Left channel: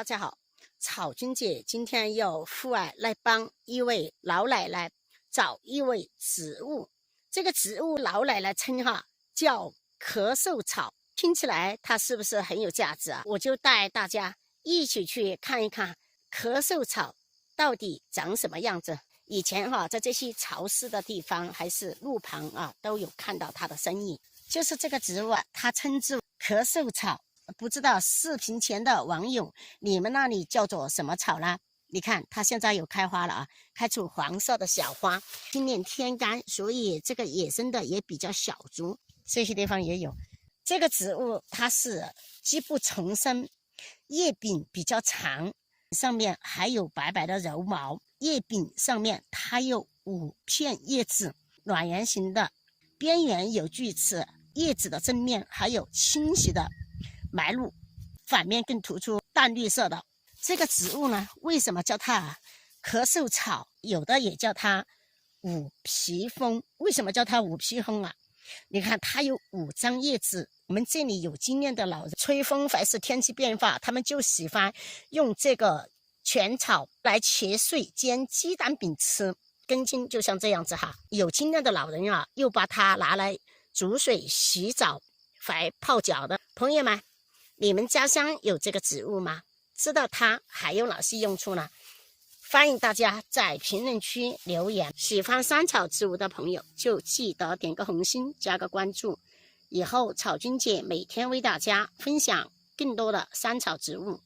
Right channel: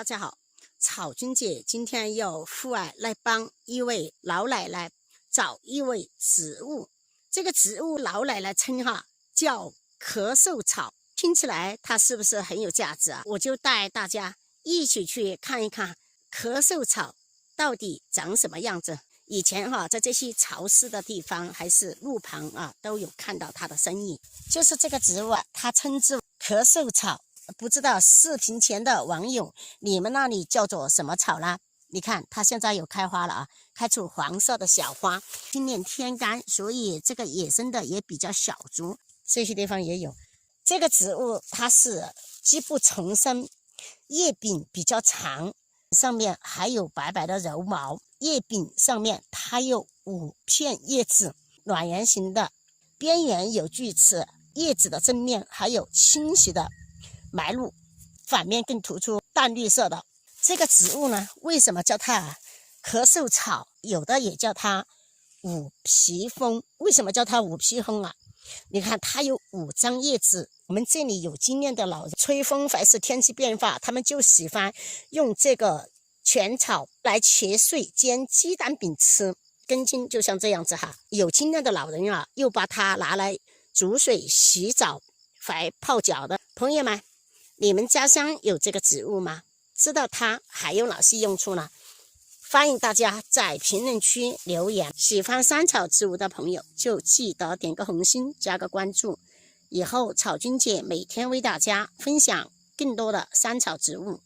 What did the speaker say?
大家好，草君姐今天要户外来帮一位老奶奶找一味植物。这个植物老奶奶称叫咳嗽草，听起来它是不是很有价值啊？我就带大家一起去看一看咳嗽草到底长什么样子。以前在这些潮湿的地方还是路旁都有看到它的身影。就是这个植物它称之为咳嗽草。不知道视频前的网友，你们那里叫做什么草呢？你看它现在有开花了开出黄色的小花。今年天干，所以这个野生的也比较小株，这些地方也有。这个植物它是基部丛生，叶柄比较长，上面还有白白的柔毛。叶柄上面它有5片叶子，卵圆形的，边缘有锯齿，叶子的正面还有清晰的埋露，反面更突出淡绿色的。这个植物呢，为什么叫它咳嗽草？有的也叫它五皮风。为什么叫它五皮风啊？你看它有5张叶子。我们这里有经验的老人，吹风还是天气变化，他们就喜欢用这个全草来切碎煎鸡蛋饼吃，根茎就像这样子有经验的老人又把它拿来煮水洗澡还泡脚的朋友们，你们家乡有这个植物吗？知道它还有哪些用处呢？欢迎大家在评论区留言。喜欢山草植物的朋友就记得点个红心，加个关注。以后草君姐每天为大家分享更多的山草植物。